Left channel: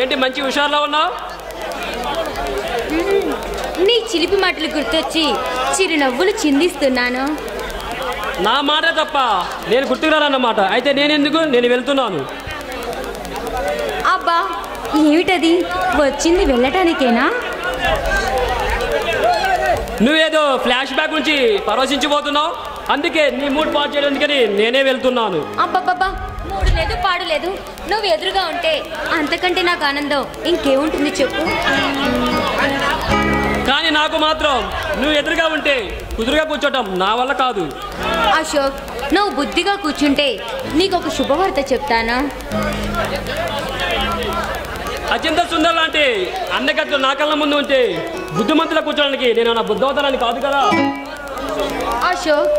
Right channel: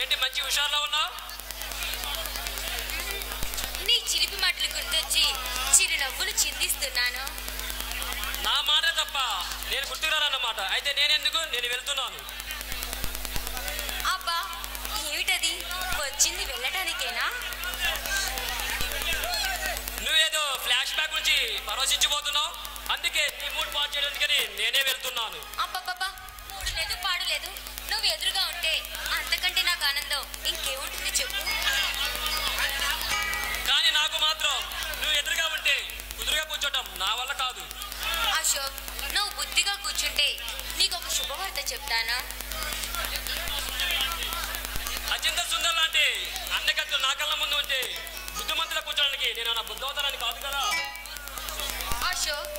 ఏంటి మంచి హుషారులో ఉన్నావు? నీ చిలిపి మాటలు గుర్తొచ్చి చిరునవ్వులు చిందిస్తున్నాను. నా మాట తప్ప నేను గుర్తుకురానన్నమాట. అయితే నేను వెళ్తున్నాను. అబ్బా ఏమిటది? వచ్చింది వెళ్ళటానికేనా? నువ్వేదో ఫ్లాష్ బ్యాక్ నుంచి పరవశించిపోతున్నావు. అందుకే నీ మూడ్ పాడు చేయడానికని నేనే వెళ్తున్నాను. అబ్బబ్బబ్బా మూడు లేదు పాడు లేదు. నువ్వు ఎదురుగా ఉంటే అంతకంటే నాకు ఆనందం ఇంకేముంటుంది చెప్పు. కానీ నాకు మాత్రం నువ్వు ఎదురుగా ఉంటే కుదురుగా కూర్చోటం నా వల్ల కాదు. అశోక్, నువ్వు బుద్ధిగా కూర్చుంటే నీకు ఒక శుభవార్త చెప్తానా? అత్యంత సుందర లాంటి అన్నగట్లు నా కళ్ళ ముందు ఉంటే బుద్ధిమంతుల కూర్చోడానికి నేను నా బుద్ధవతరాన్ని కాదు కదా. అశోక్,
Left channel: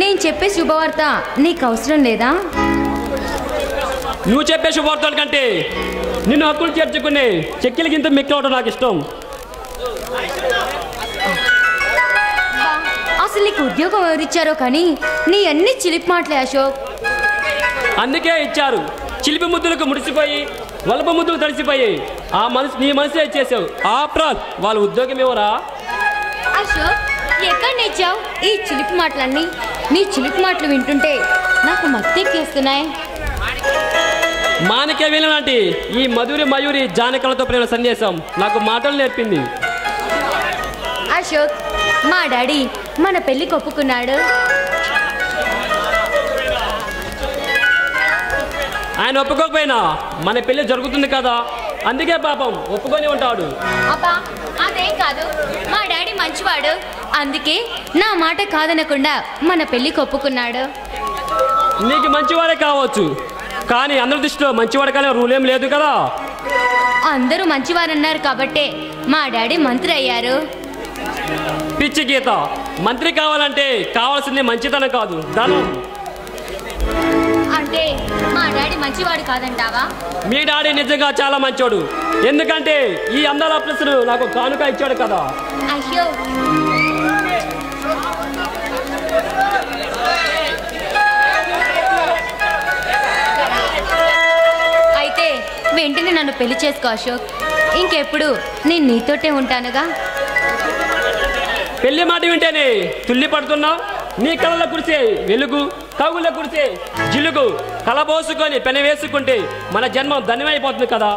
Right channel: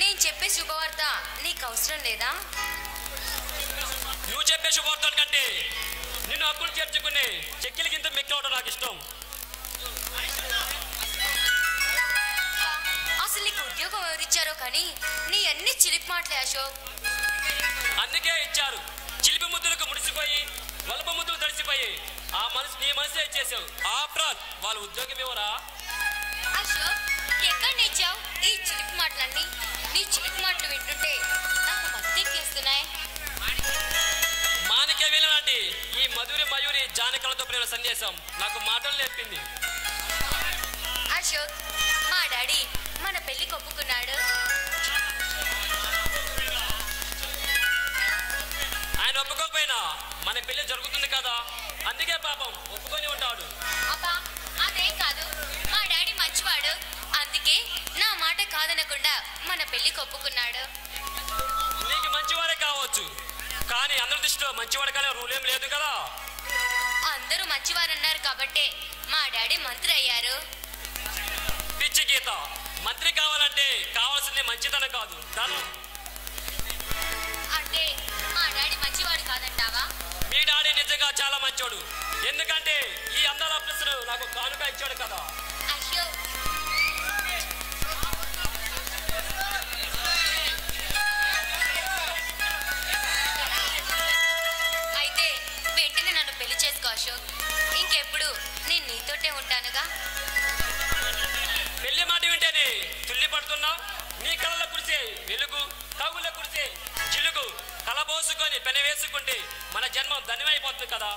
నేను చెప్పే శుభవార్త నీకు అవసరం లేదా? నువ్వు చెప్పే శుభవార్తల కంటే నిన్ను హక్కులు చేర్చుకునే చెక్కిల గింత మెక్కవడం నాకు ఇష్టం. అసలు నీకు ఉద్యోగం ఎవరిచ్చారో కానీ నీ అన్ని చిలిపి మాటలే అశోక్. అందుకే ఇచ్చారు. చిలిపి ముద్దులకు ముడిసిపోయి వలప ముద్దులు తడిసిపోయి నీ మనసులో ఇచ్చేసావు. ఆప్రాల్ వాళ్ళ ఉద్యోగం ఎవరా? అశోక్, ఎక్కడ నేర్చావు ఈ చిలిపి మాటలన్నీ? నీ చిలిపి మాటలు వింటుంటే నాకు మత్తెక్కేస్తున్నాయి. మాణిక్య వీణ లాంటి ఈ మయూరి జానకలతో ప్రేమ సందేశం నాకు మాటలు నేర్పింది. అశోక్, మా డాడీ మన పెళ్లికి ఒప్పుకున్నాడు. ఆయన ఒప్పుకోకపోయినా మన పెళ్లి జరుగుతుంది కదా, అందుకే పాపం ఒప్పుకొని ఉంటాడు. అబ్బా అదేం కాదు, మా డాడీ మంచివాడు. అందుకే నా మాట కాదనకుండా మన పెళ్లికి ఒప్పుకున్నాడు. నీకు మంచివాడే కావచ్చు, కానీ అందరి దృష్టిలో మంచివాడు కానీ రూల్ ఏం లేదు కదా. అందరూ మంచివారన్నారు కాబట్టే మా డాడీ మంత్రి అయ్యారు. పిచ్చి గీత, మంత్రి కావాలంటే కావాల్సింది మంచితనం కాదు, ధనం. అంటే మా డాడీ మంచివాడు కాదంటావా? మీ డాడీ నిజంగా చాలా మంచోడు. ఎందుకంటే ఈ అందాల ప్లస్ను నాకు కానుక ఇచ్చాడు కదా. అయ్యో, అయితే వెంటనే నన్ను పెళ్లి చేసుకో అశోక్. ఇంకెప్పుడు నేను నీతోటే ఉంటానుగా. పెళ్లి మాట వింటేనే తుల్లి పడుతున్నావు. నీ కళ్ళలో కురిసే వెలుగు, కవుల్లో కురిసే జిలుగు కలబోసుకొని పెన వేసుకుంటే మన జన్మం ధన్యమైపోతుంది కదా.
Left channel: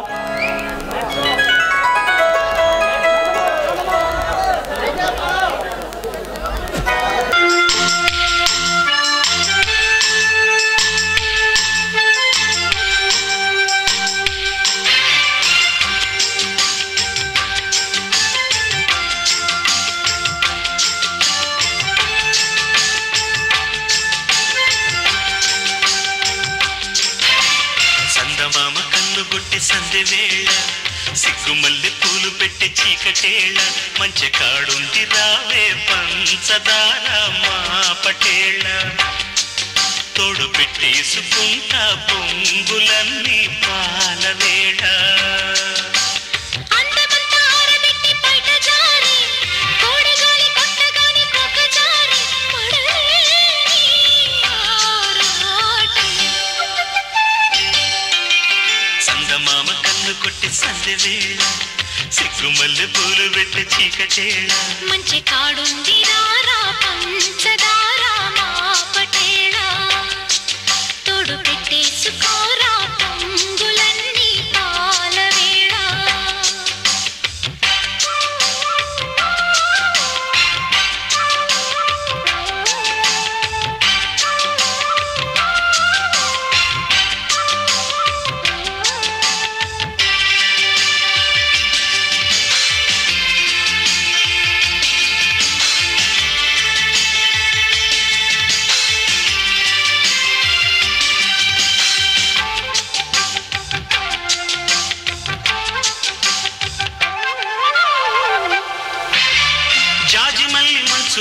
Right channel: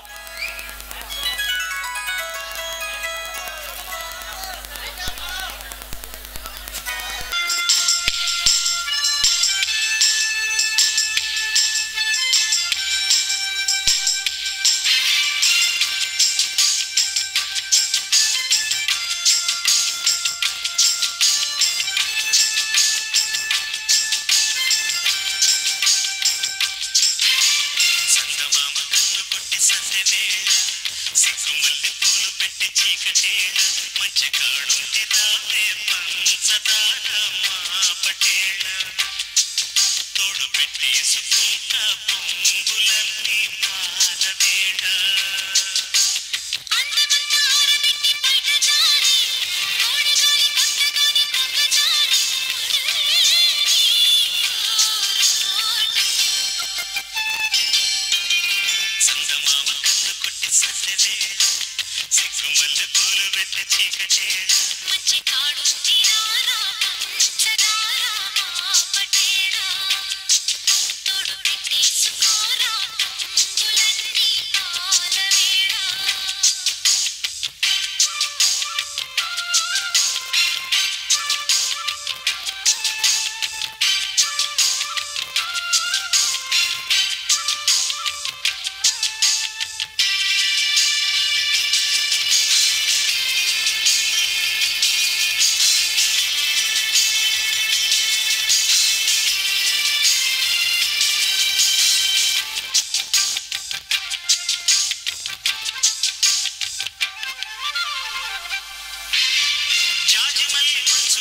సందె వేళ సిగ్గుమల్లి పూలు పెట్టి చీకటేళ మంచి కాడుంది రావే పంచదార మా పటేళ తోడు పెట్టేసుకుంటా పొంగులన్నీ పాల వేళ సందె వేళ సిగ్గుమల్లి పూలు పెట్టి చీకటేళ మంచి కాడుంది రారా పంచదార మా పటేళ తోడు పెట్టేసుకోరా పొంగులన్నీ పాల వేళ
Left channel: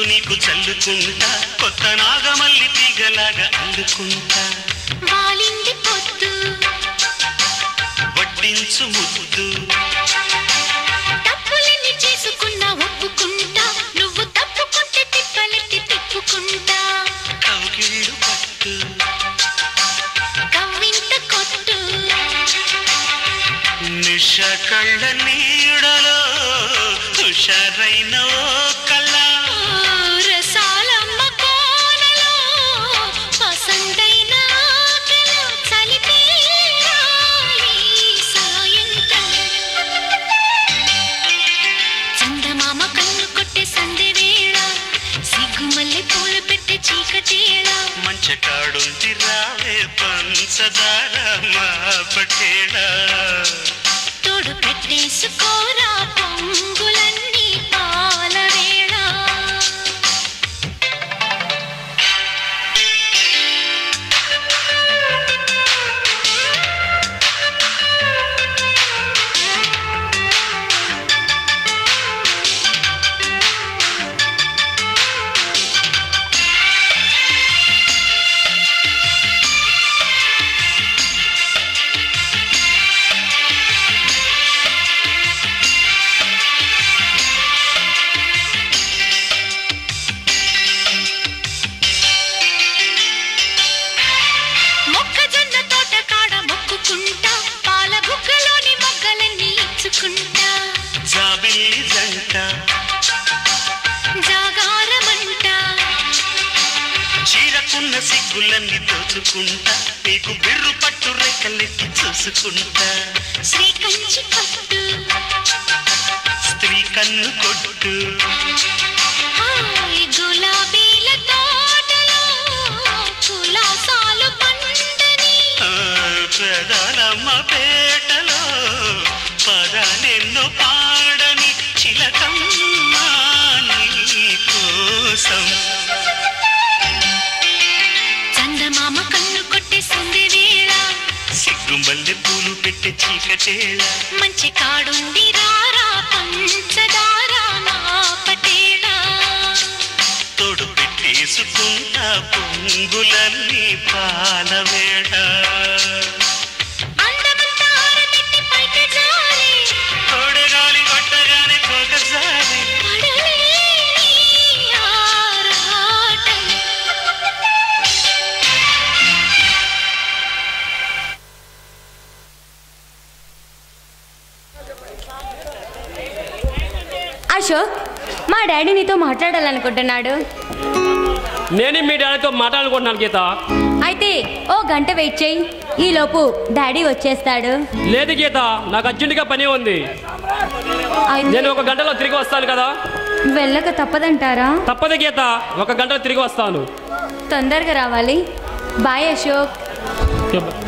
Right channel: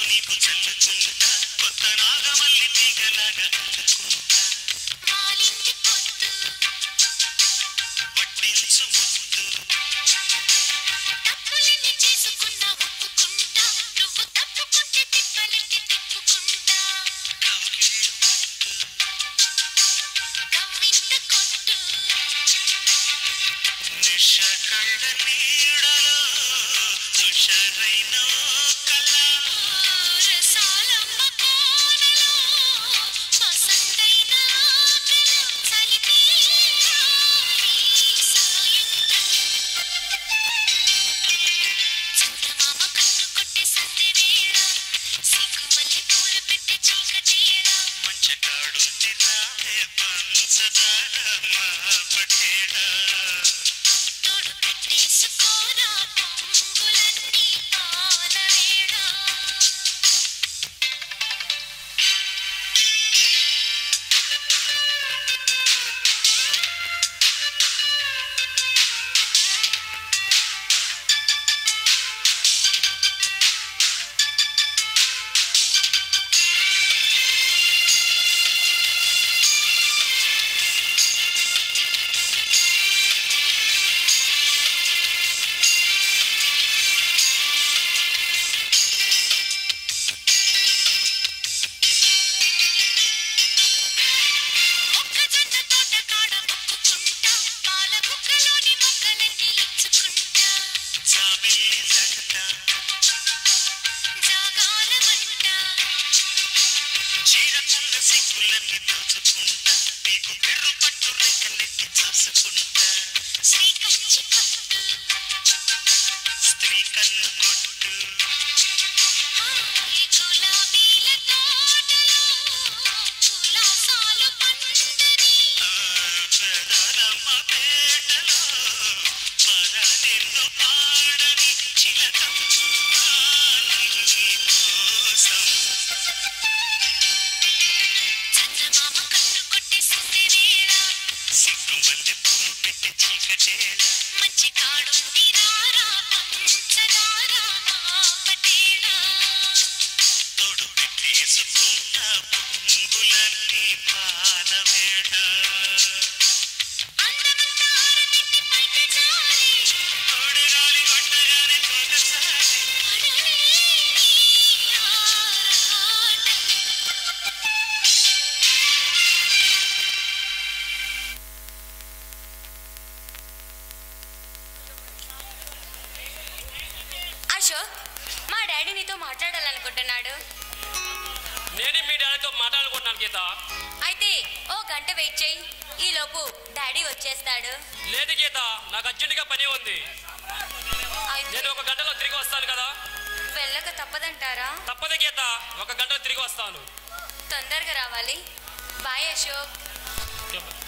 నీకు చల్లుకుంటా కొత్త నాగమల్లి తీగలాగా అల్లుకుంటా వాలింది పొద్దు వడ్డించు ముద్దు తప్పులన్నీ చేసుకున్నా ఒప్పుకుంటా నువ్వు తప్పుకుంటే తిప్పలెత్తి తిప్పుకుంటా కౌగిళ్ళు పట్టు కవ్వింత కొట్టు నిష కళ్ళ నీడలో హుషారైన కళ్ళ రసాలమ్మ కోనలో పసందైన చలిపే సాయంకాలం చందమామ కన్ను కొట్టే సందె వేళ సిగ్గుమల్లె పూలు పెట్టే చీకటేళ మంచకాడుంది రావే పంచదార మా పటేళ తోడు పెట్టేసుకోరా పొంగులన్నీ పాల వేళ మొక్కజొన్న తోట కాడ మొక్కుకుంటా పాల బుగ్గలోని మొగ్గలన్నీ ఇచ్చుకుంటా జాబిల్లి జంట జాగారమంట చీరకున్న సిగ్గులన్నీ దోచుకుంటా నీకు బిర్రు పట్టు రెక్కలెక్కి చూసుకుంటా శ్రీ కంచి పట్టు స్త్రీ కన్ను కొట్టు హాయ్ గులాబీల తోటలో కులాసాలు పండని ప్రధానమ్మ పేటలో పదాలెన్నో పాడని చిలకమ్మ నీ కోసం చందమామ కన్ను కొట్టే సందె వేళ సిగ్గుమల్లె పూలు పెట్టే చీకటేళ మంచి కాడుంది రారా పంచదార మా పటేళ తోడు పెట్టేసుకుంటా పొంగులన్నీ పాల వేళ అందమంతా ఆరబెట్టి పైకి జారి తోడగాలి కొట్టగానే పోకసారి పడలేని ఆరాటం అశోక్, మా డాడీ నీతో మాట్లాడాలనుకుంటున్నాడు. నేను మీ డాడీతో మాట్లాడుకుంటున్నాను గీత. అయితే ఓ గంట వెయిట్ చేయి, ఈలోపు డాడీ వచ్చేస్తాడు. లేదు గీత, నాకు అర్జెంటుగా పని ఉంది. అయితే నేను ఒక గంటలో తిరిగి వస్తాను కదా. వెళ్ళక తప్పదంటారా? తప్పదు గీత, ఒక గంటలో తిరిగి వస్తాను. తొందరగా రావాలి. బాయ్ అశోక్. Okay, bye.